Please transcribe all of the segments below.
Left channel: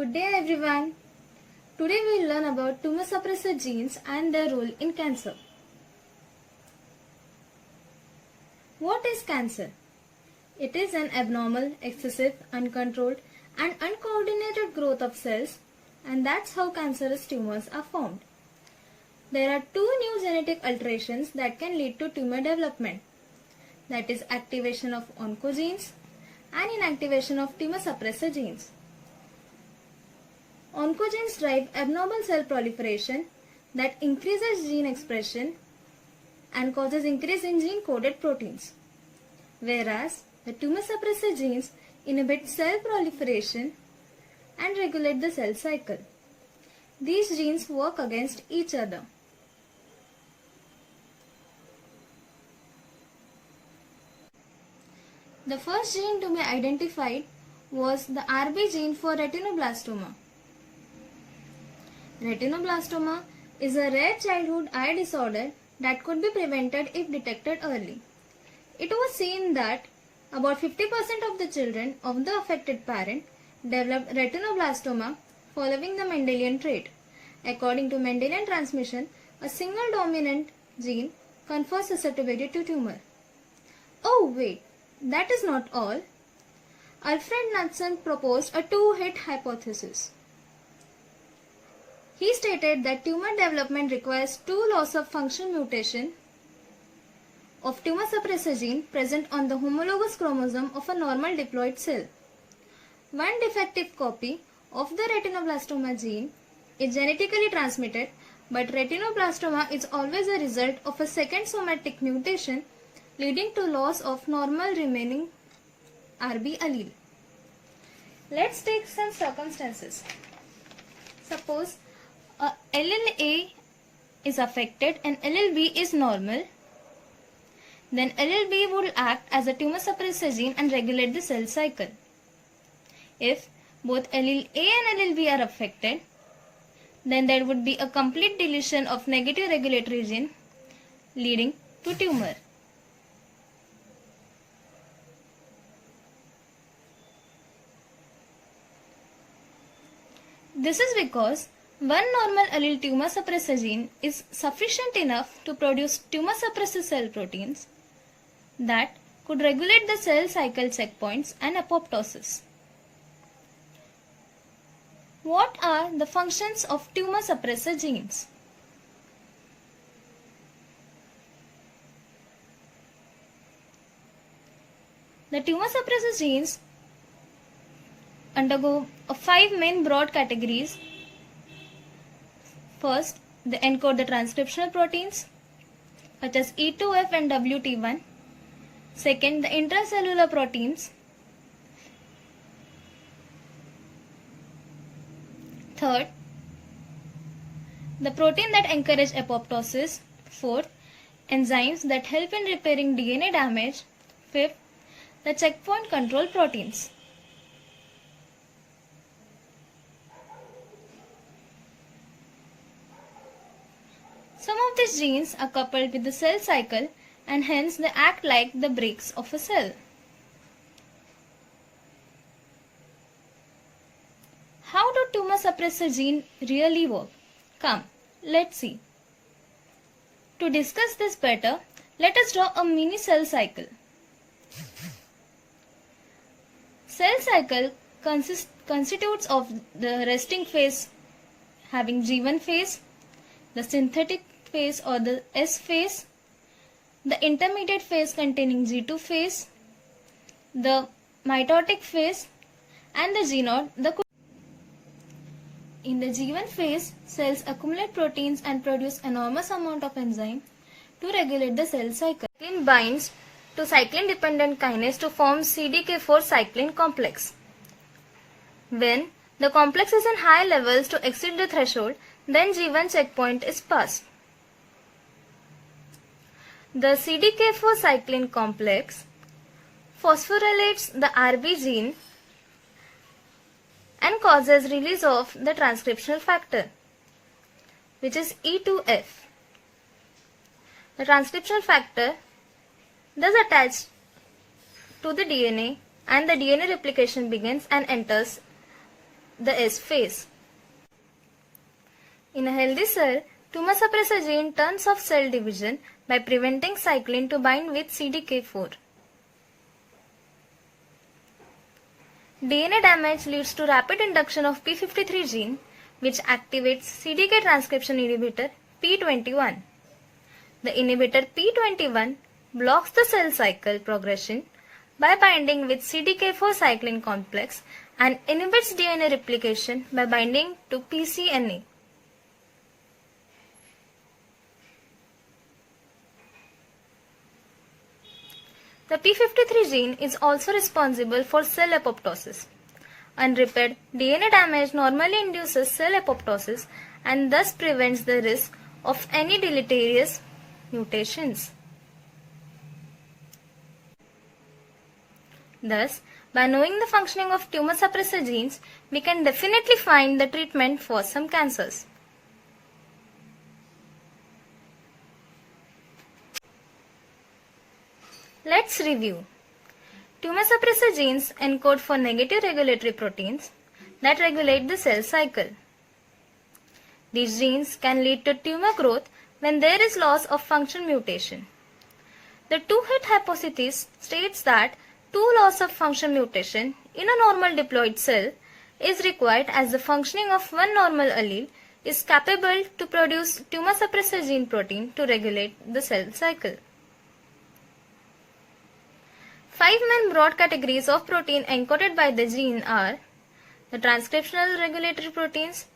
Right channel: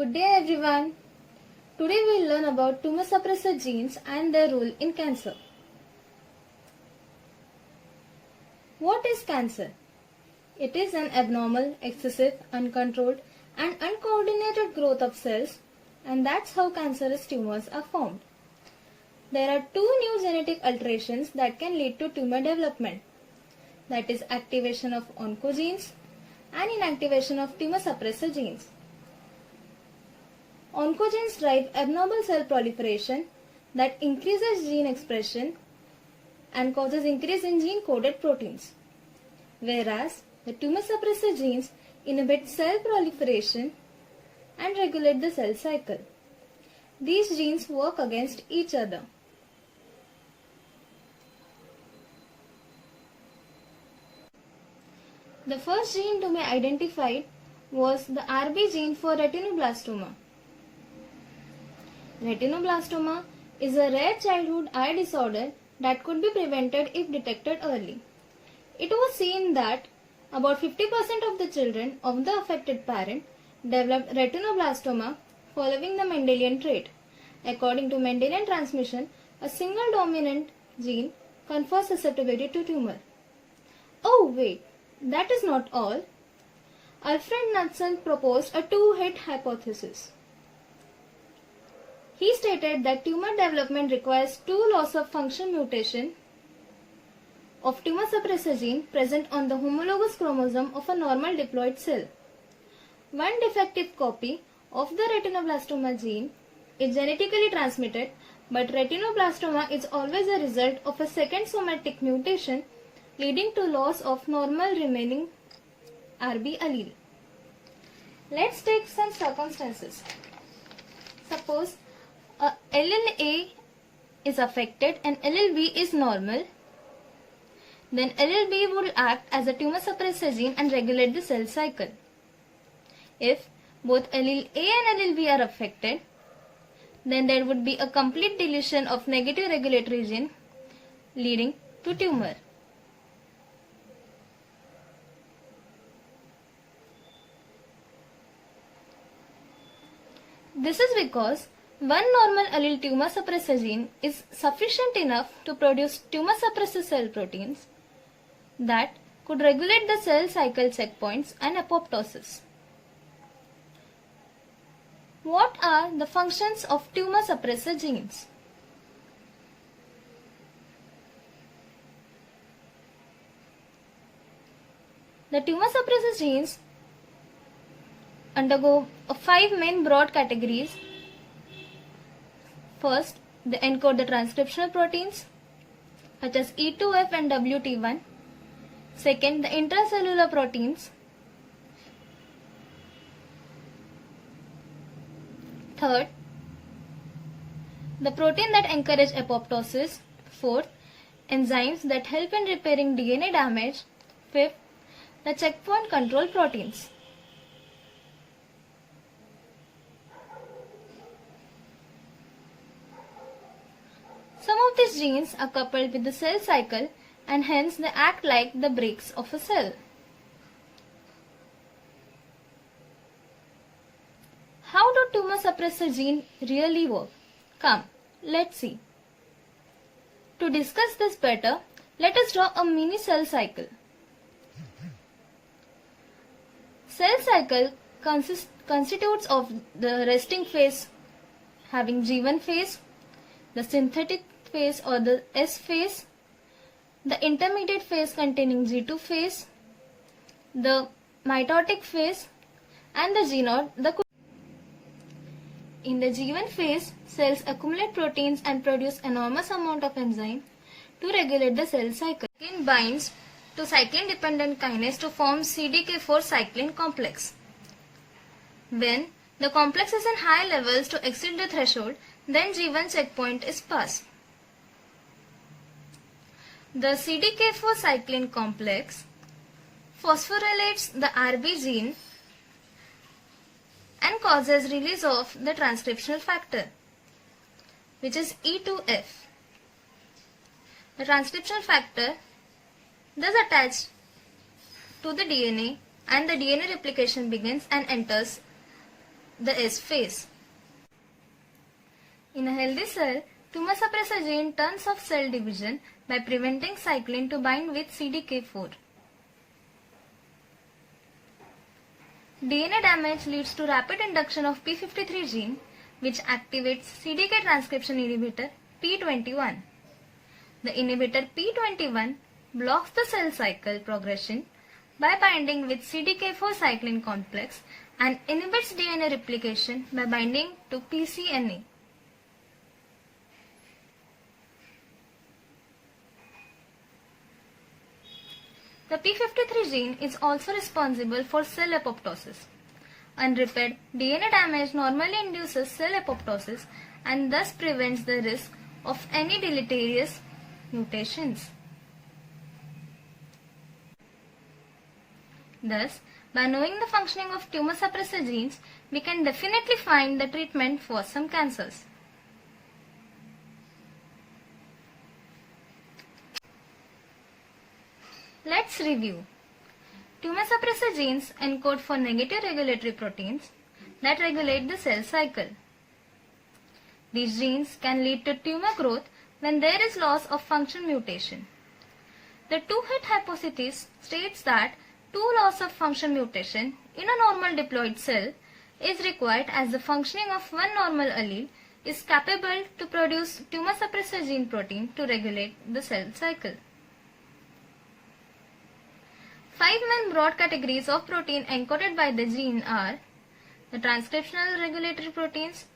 Good day everyone. Today we will learn about tumor suppressor genes and their role in cancer. What is cancer? It is an abnormal, excessive, uncontrolled and uncoordinated growth of cells, and that's how cancerous tumors are formed. There are two new genetic alterations that can lead to tumor development. That is activation of oncogenes and inactivation of tumor suppressor genes. Oncogenes drive abnormal cell proliferation that increases gene expression and causes increase in gene-coded proteins, whereas the tumor suppressor genes inhibit cell proliferation and regulate the cell cycle. These genes work against each other. The first gene to be identified was the RB gene for retinoblastoma. Retinoblastoma is a rare childhood eye disorder that could be prevented if detected early. It was seen that about 50% of the children of the affected parent developed retinoblastoma following the Mendelian trait. According to Mendelian transmission, a single dominant gene confers susceptibility to tumor. Oh wait, that is not all. Alfred Knudsen proposed a two-hit hypothesis. He stated that tumor development requires two loss-of-function mutation of tumor suppressor gene present on the homologous chromosome of a normal diploid cell. One defective copy of the retinoblastoma gene is genetically transmitted, but retinoblastoma is always a result of a second somatic mutation leading to loss of normal remaining RB allele. Let's take some circumstances. Suppose allele A is affected and allele B is normal. Then allele B will act as a tumor suppressor gene and regulate the cell cycle. If both allele A and allele B are affected, then there would be a complete deletion of negative regulatory gene leading to tumor. This is because one normal allele tumor suppressor gene is sufficient enough to produce tumor suppressor cell proteins that could regulate the cell cycle checkpoints and apoptosis. What are the functions of tumor suppressor genes? The tumor suppressor genes undergo 5 main broad categories. First, they encode the transcriptional proteins such as E2F and WT1. Second, the intracellular proteins. Third, the protein that encourage apoptosis. Fourth, enzymes that help in repairing DNA damage. Fifth, the checkpoint control proteins. Some of these genes are coupled with the cell cycle and hence they act like the brakes of a cell. How do tumor suppressor gene really work? Come, let's see. To discuss this better, let us draw a mini cell cycle. Cell cycle constitutes of the resting phase having G1 phase, the synthetic phase or the S phase, the intermediate phase containing G2 phase, the mitotic phase and the G0. In the G1 phase, cells accumulate proteins and produce enormous amount of enzyme to regulate the cell cycle. Cyclin binds to cyclin dependent kinase to form CDK4 cyclin complex. When the complex is in high levels to exceed the threshold, then G1 checkpoint is passed. The CDK4 cyclin complex phosphorylates the RB gene and causes release of the transcriptional factor, which is E2F. The transcriptional factor thus attached to the DNA and the DNA replication begins and enters the S phase. In a healthy cell, tumor suppressor gene turns off cell division by preventing cyclin to bind with CDK4. DNA damage leads to rapid induction of p53 gene, which activates CDK transcription inhibitor p21. The inhibitor p21 blocks the cell cycle progression by binding with CDK4 cyclin complex and inhibits DNA replication by binding to pCNA. The p53 gene is also responsible for cell apoptosis. Unrepaired DNA damage normally induces cell apoptosis and thus prevents the risk of any deleterious mutations. Thus, by knowing the functioning of tumor suppressor genes, we can definitely find the treatment for some cancers. Let's review. Tumor suppressor genes encode for negative regulatory proteins that regulate the cell cycle. These genes can lead to tumor growth when there is loss of function mutation. The two-hit hypothesis states that two loss of function mutation in a normal diploid cell is required as the functioning of one normal allele is capable to produce tumor suppressor gene protein to regulate the cell cycle. 5 main broad categories of protein encoded by the gene are the transcriptional regulatory proteins,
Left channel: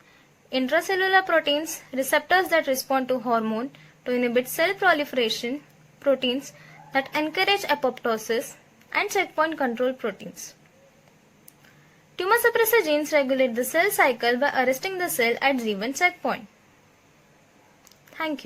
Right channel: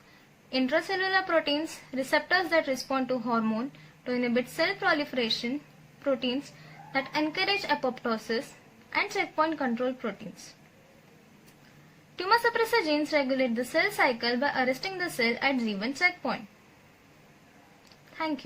intracellular proteins, receptors that respond to hormone to inhibit cell proliferation, proteins that encourage apoptosis, and checkpoint control proteins. Tumor suppressor genes regulate the cell cycle by arresting the cell at G1 checkpoint. Thank you.